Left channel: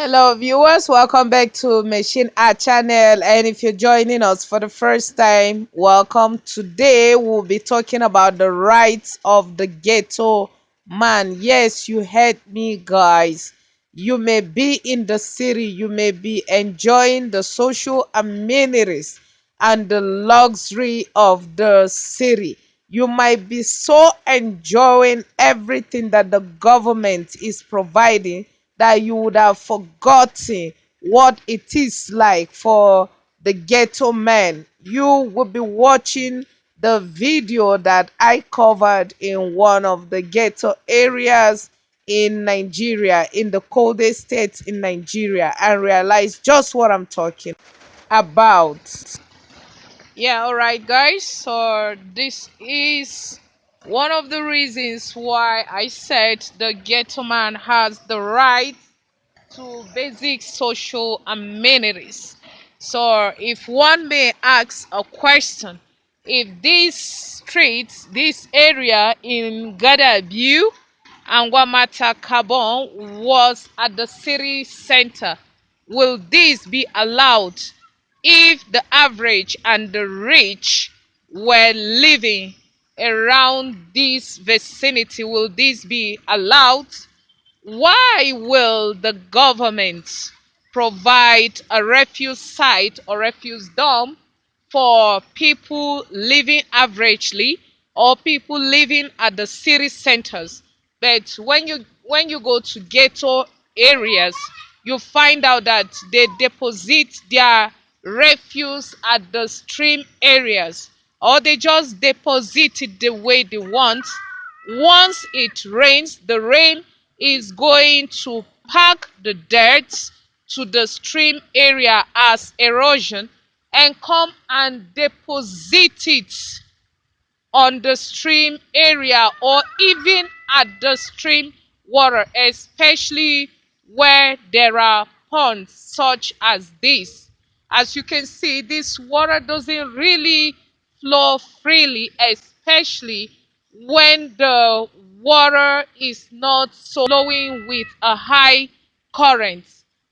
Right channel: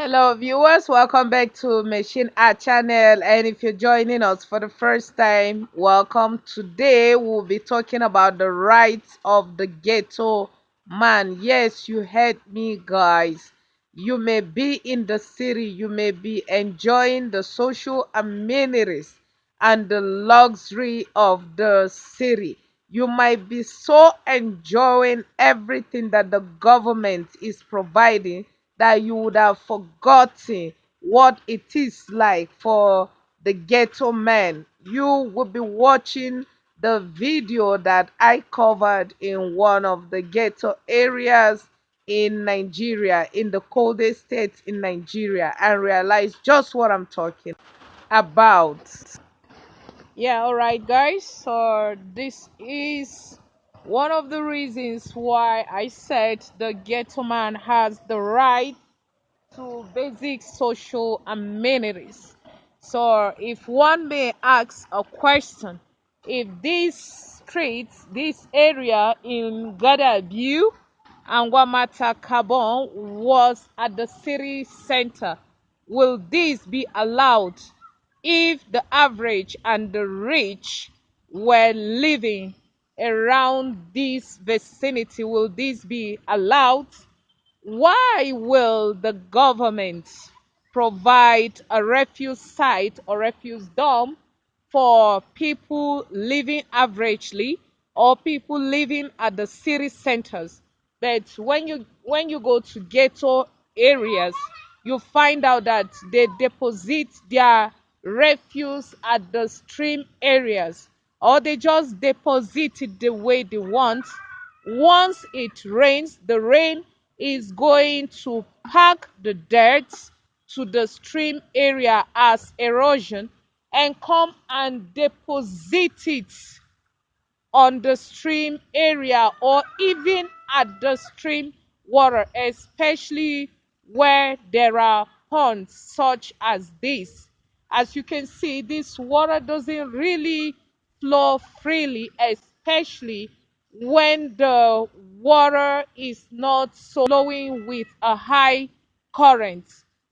Hello, viewers. Welcome back to Machine Art Channel. And if you're joining us for the first time, welcome. Today, we'll be talking about the rights of the ghetto man. Yes, you heard me, guys. You may be in the city, you may be enjoying the social amenities and the luxury of the city. You might be so enjoying everything that the government is providing that you would have forgotten what it is like for the ghetto man. You will be watching the video that I covered in one of the ghetto areas in Nigeria, in the coldest states in Nigeria, and realize just what I'm talking about. Yeah, all right, guys. So this is one of the reasons why I said the ghetto man has the right to basic social amenities. So if one may ask a question, if this street, this area in Gadabu and Wamata Kabon was at the city center, will this be allowed if the average and the rich were living around this vicinity? Will this be allowed? Why will the government provide a refuse site or refuse dump for people living averagely or people living at the city centers? But when you go to ghetto areas, you find out that they deposit their refuse at the stream areas, or they just deposit it the way they want. Once it rains, the rain is going to pack the dirt to the stream area as erosion and come and deposit it on the stream area or even at the stream water, especially where there are ponds such as this. As you can see, this water doesn't really flow freely, especially when the water is not so flowing with a high current.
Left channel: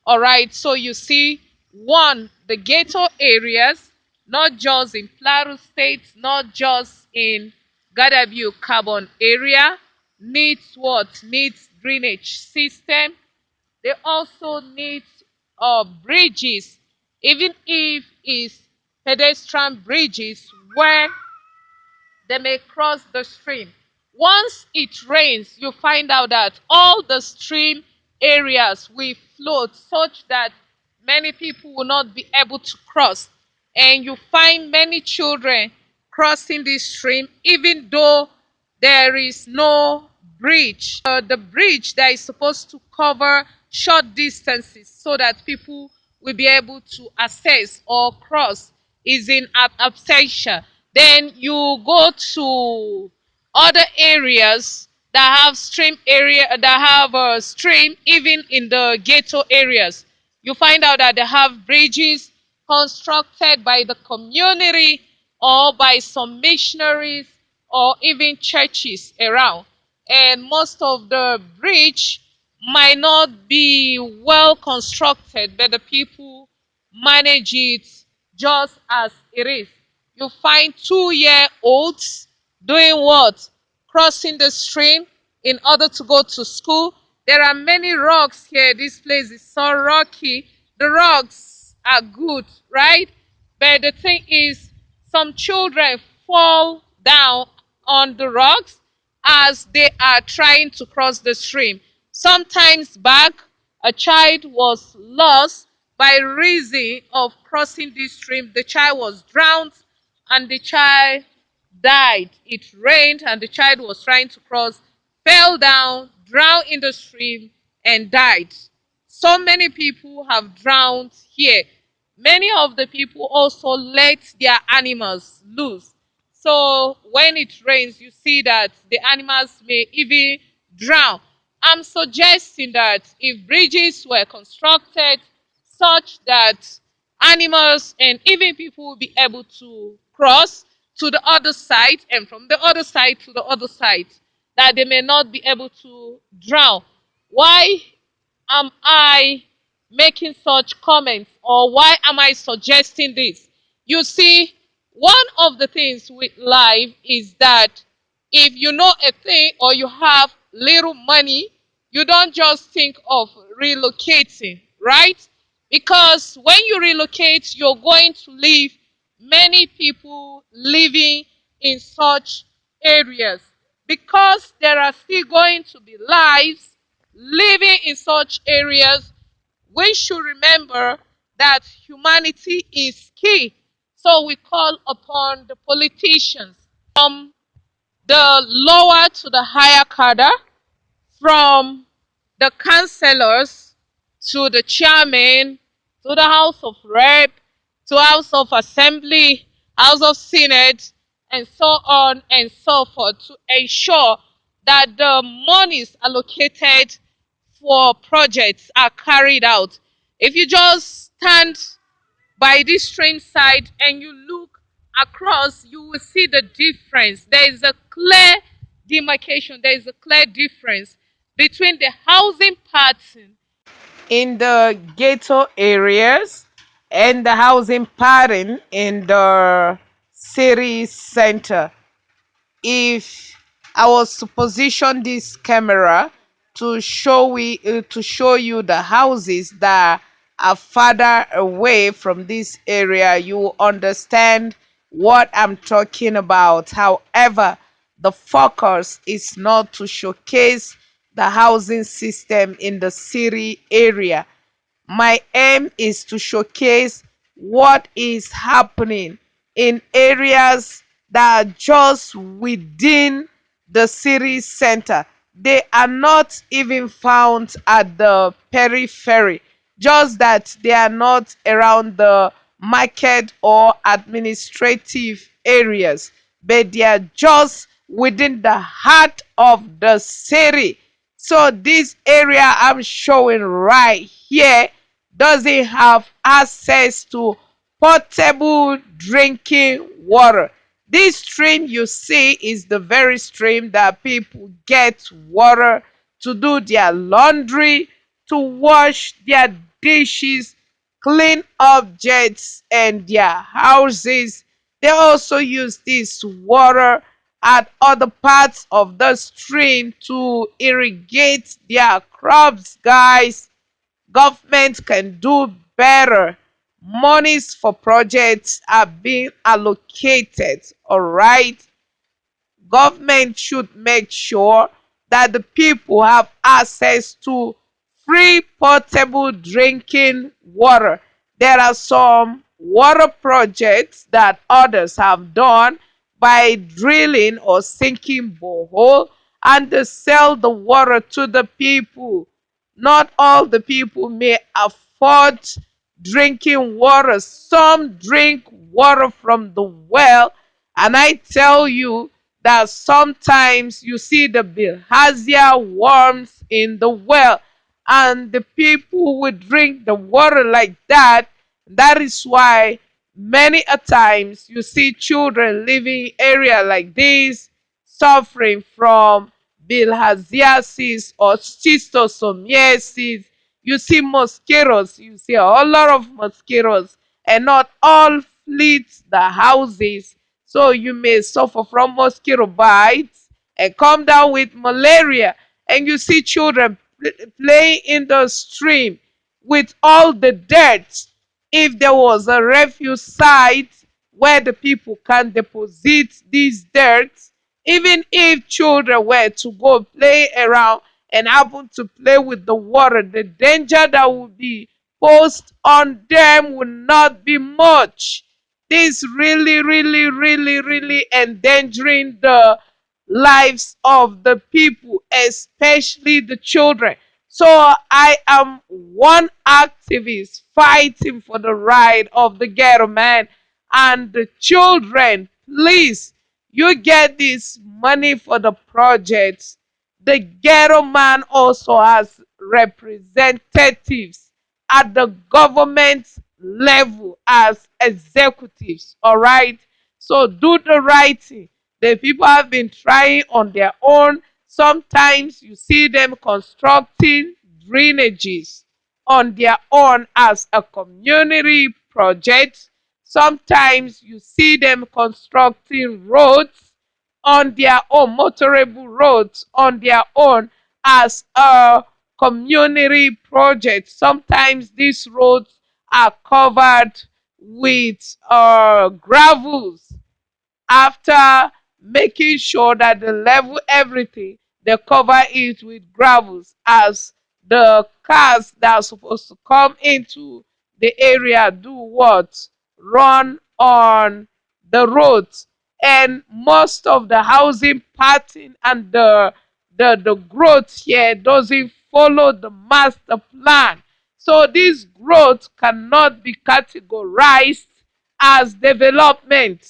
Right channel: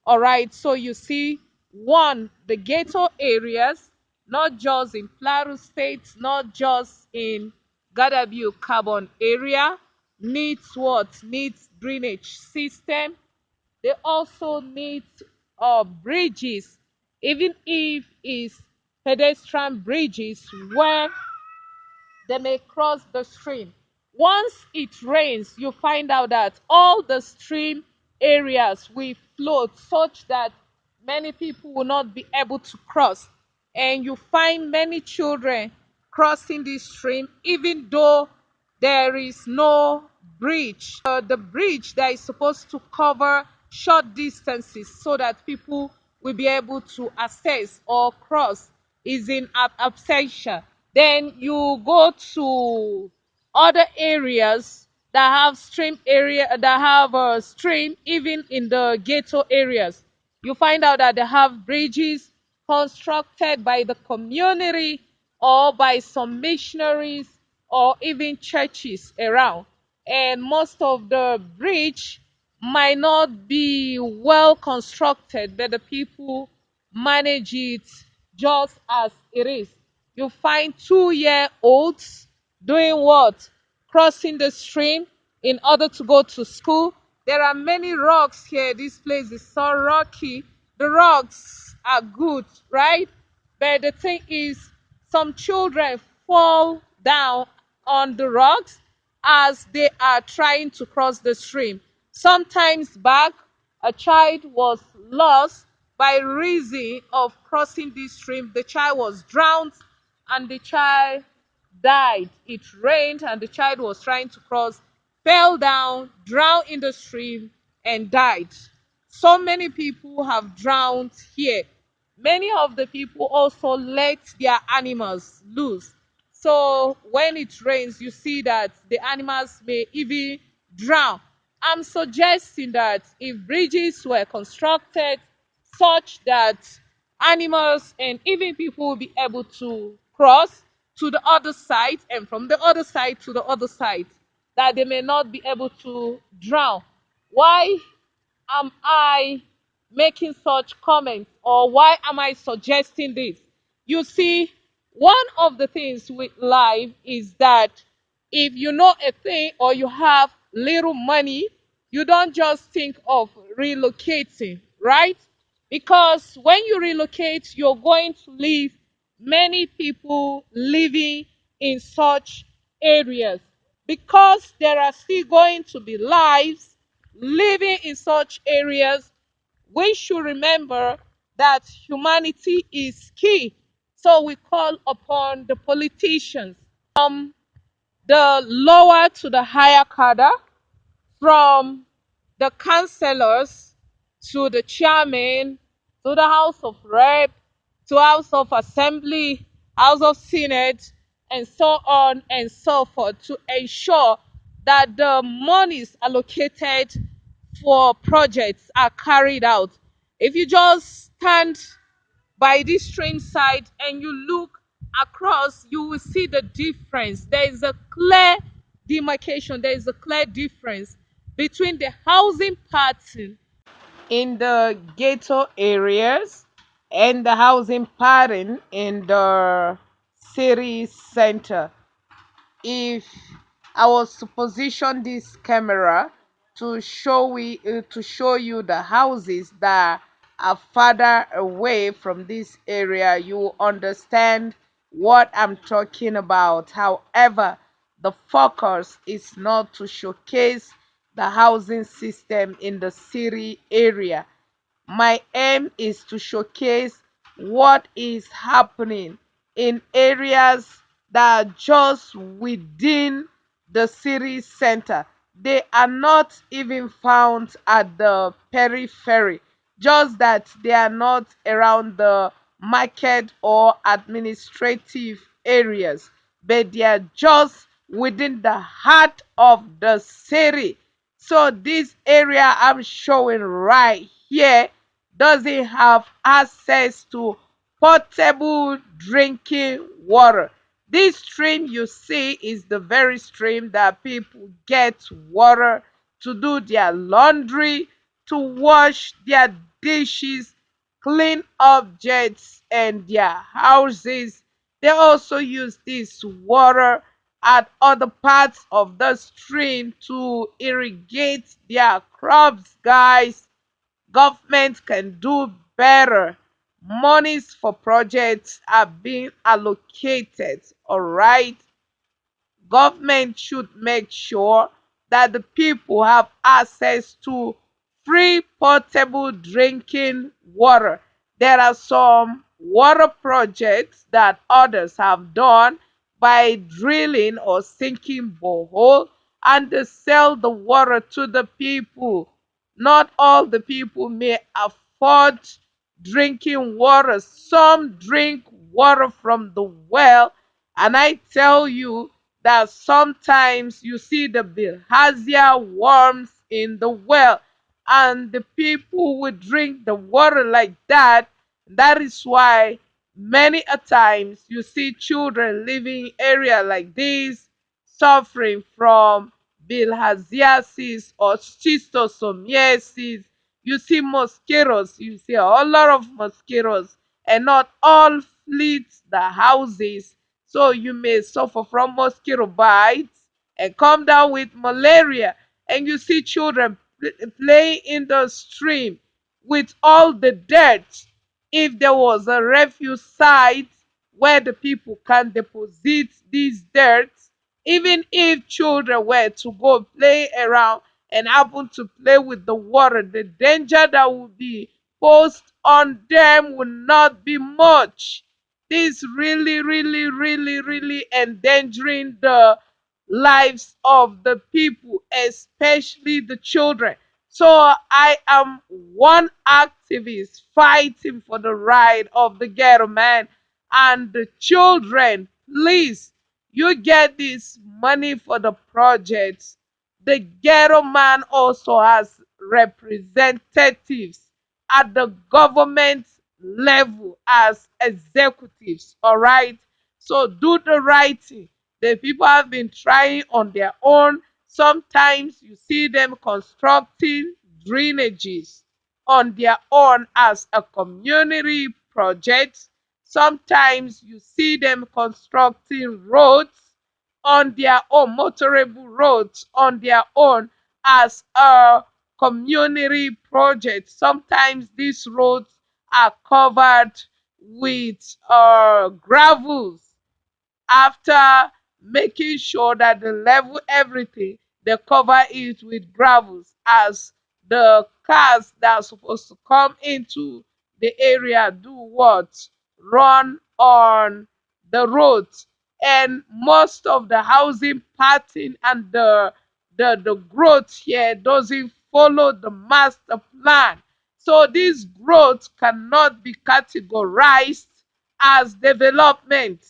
All right, so you see, one, the ghetto areas, not just in Plateau State, not just in Gadabu Carbon area, needs what? Needs drainage system. They also need bridges, even if it's pedestrian bridges where they may cross the stream. Once it rains, you find out that all the stream areas will float such that many people will not be able to cross. And you find many children crossing this stream even though there is no bridge. The bridge that is supposed to cover short distances so that people will be able to access or cross is in absentia. Then you go to other areas that have stream, even in the ghetto areas. You find out that they have bridges constructed by the community or by some missionaries or even churches around. And most of the bridge might not be well constructed, but the people manage it just as it is. You find 2-year-olds doing what? Crossing the stream in order to go to school. There are many rocks here. This place is so rocky. The rocks are good, right? But the thing is, some children fall down on the rocks as they are trying to cross the stream. Sometimes back, a child was lost by reason of crossing this stream. The child was drowned and the child died. It rained and the child was trying to cross, fell down, drowned in the stream, and died. So many people have drowned here. Many of the people also let their animals loose. So when it rains, you see that the animals may even drown. I'm suggesting that if bridges were constructed such that animals and even people will be able to cross to the other side and from the other side to the other side, that they may not be able to drown. Why am I making such comments, or why am I suggesting this? You see, one of the things with life is that if you know a thing or you have little money, you don't just think of relocating, right? Because when you relocate, you're going to leave many people living in such areas, because there are still going to be lives living in such areas. We should remember that humanity is key. So we call upon the politicians, from the lower to the higher cadre, from the councillors to the chairman, to the House of Rep, to House of Assembly, House of Senate, and so on and so forth, to ensure that the monies allocated for projects are carried out. If you just stand by this train side and you look across, you will see the difference. There is a clear demarcation, there is a clear difference between the housing pattern. In the ghetto areas and the housing pattern in the city center. If I was to position this camera to show you the houses that are farther away from this area, you will understand what I'm talking about. However, the focus is not to showcase the housing system in the city area. My aim is to showcase what is happening in areas that are just within the city center. They are not even found at the periphery, just that they are not around the market or administrative areas, but they are just within the heart of the city. So this area I'm showing right here doesn't have access to potable drinking water. This stream you see is the very stream that people get water to do their laundry, to wash their dishes, clean objects, and their houses. They also use this water at other parts of the stream to irrigate their crops, guys. Government can do better. Monies for projects are being allocated, all right? Government should make sure that the people have access to free potable drinking water. There are some water projects that others have done by drilling or sinking borehole, and they sell the water to the people. Not all the people may afford drinking water. Some drink water from the well, and I tell you that sometimes you see the bilharzia worms in the well, and the people will drink the water like that. That is why many a times you see children living area like this suffering from bilharziasis or schistosomiasis. You see mosquitoes, you see a whole lot of mosquitoes, and not all fleet the houses. So you may suffer from mosquito bites and come down with malaria. And you see children playing in the stream with all the dirt. If there was a refuse site where the people can deposit these dirt, even if children were to go play around and happen to play with the water, the danger that would be posed on them would not be much. This really, really, really, really endangering the lives of the people, especially the children. So I am one activist fighting for the right of the ghetto man and the children. Please, you get this money for the projects. The ghetto man also has representatives at the government level as executives. All right. So do the right thing. The people have been trying on their own. Sometimes you see them constructing drainages. on their own as a community project. Sometimes you see them constructing roads on their own, motorable roads on their own as a community project. Sometimes these roads are covered with gravels after making sure that they level everything, they cover it with gravels as the cars that are supposed to come into the area do what? Run on the roads. And most of the housing pattern and the growth here doesn't follow the master plan. So this growth cannot be categorized as development.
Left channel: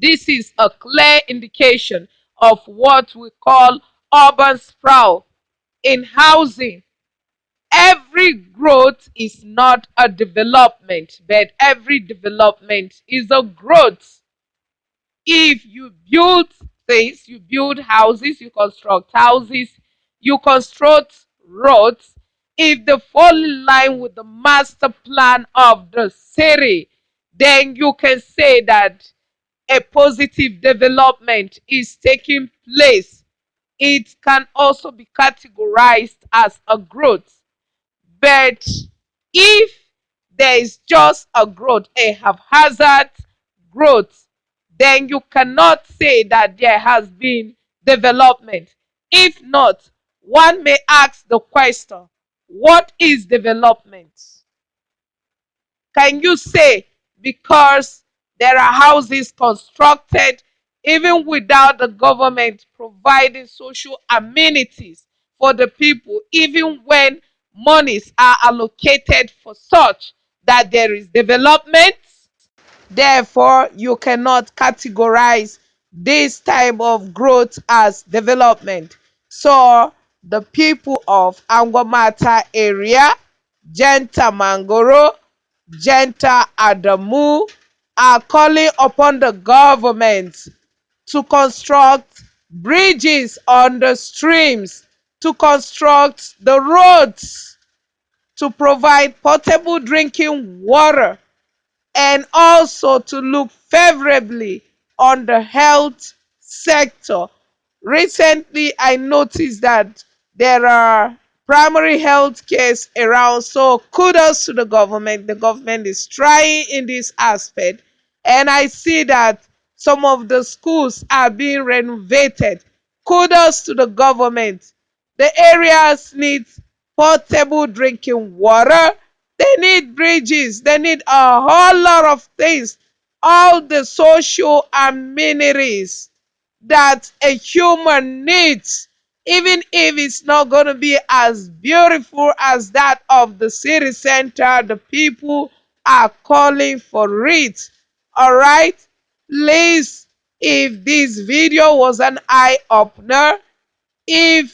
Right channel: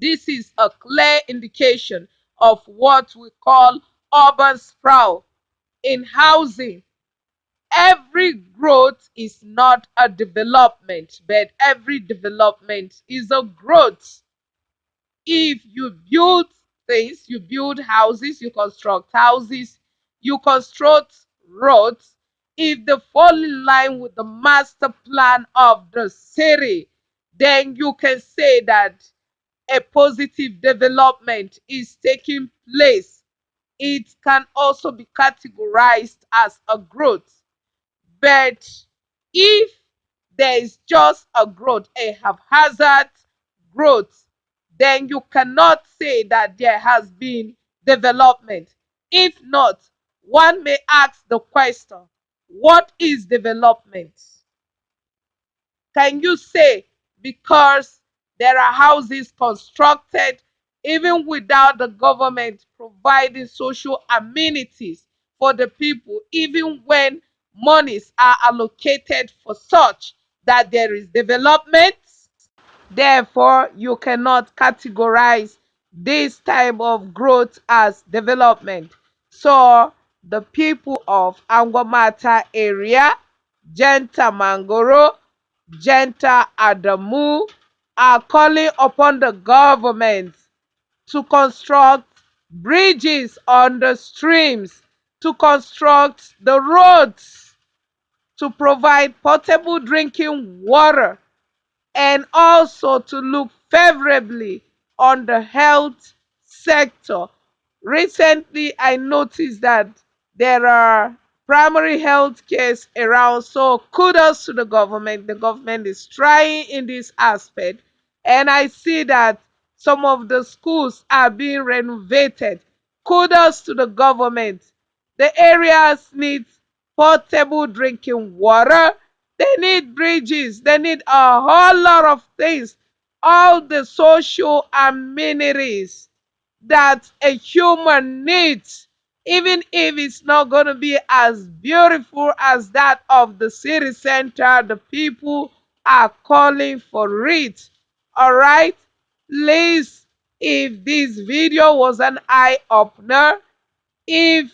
This is a clear indication of what we call urban sprawl in housing. Every growth is not a development, but every development is a growth. If you build things, you build houses, you construct roads, if they fall in line with the master plan of the city, then you can say that a positive development is taking place. It can also be categorized as a growth. But if there is just a growth, a haphazard growth, then you cannot say that there has been development. If not, one may ask the question, what is development? Can you say because there are houses constructed even without the government providing social amenities for the people, even when monies are allocated for such, that there is development? Therefore, you cannot categorize this type of growth as development. So, the people of Angwamata area, Genta Mangoro, Genta Adamu, are calling upon the government to construct bridges on the streams, to construct the roads, to provide potable drinking water, and also to look favorably on the health sector. Recently, I noticed that there are primary health cares around, so kudos to the government. The government is trying in this aspect, and I see that some of the schools are being renovated. Kudos to the government. The areas need potable drinking water, they need bridges. They need a whole lot of things. All the social amenities that a human needs, even if it's not going to be as beautiful as that of the city center, the people are calling for it. All right? Please, if this video was an eye opener, if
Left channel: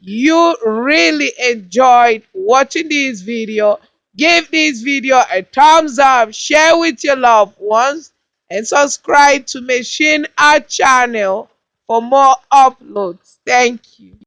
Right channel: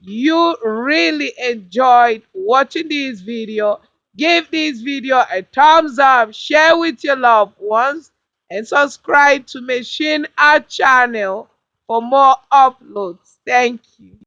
you really enjoyed watching this video, give this video a thumbs up, share with your loved ones, and subscribe to Machine Art channel for more uploads. Thank you.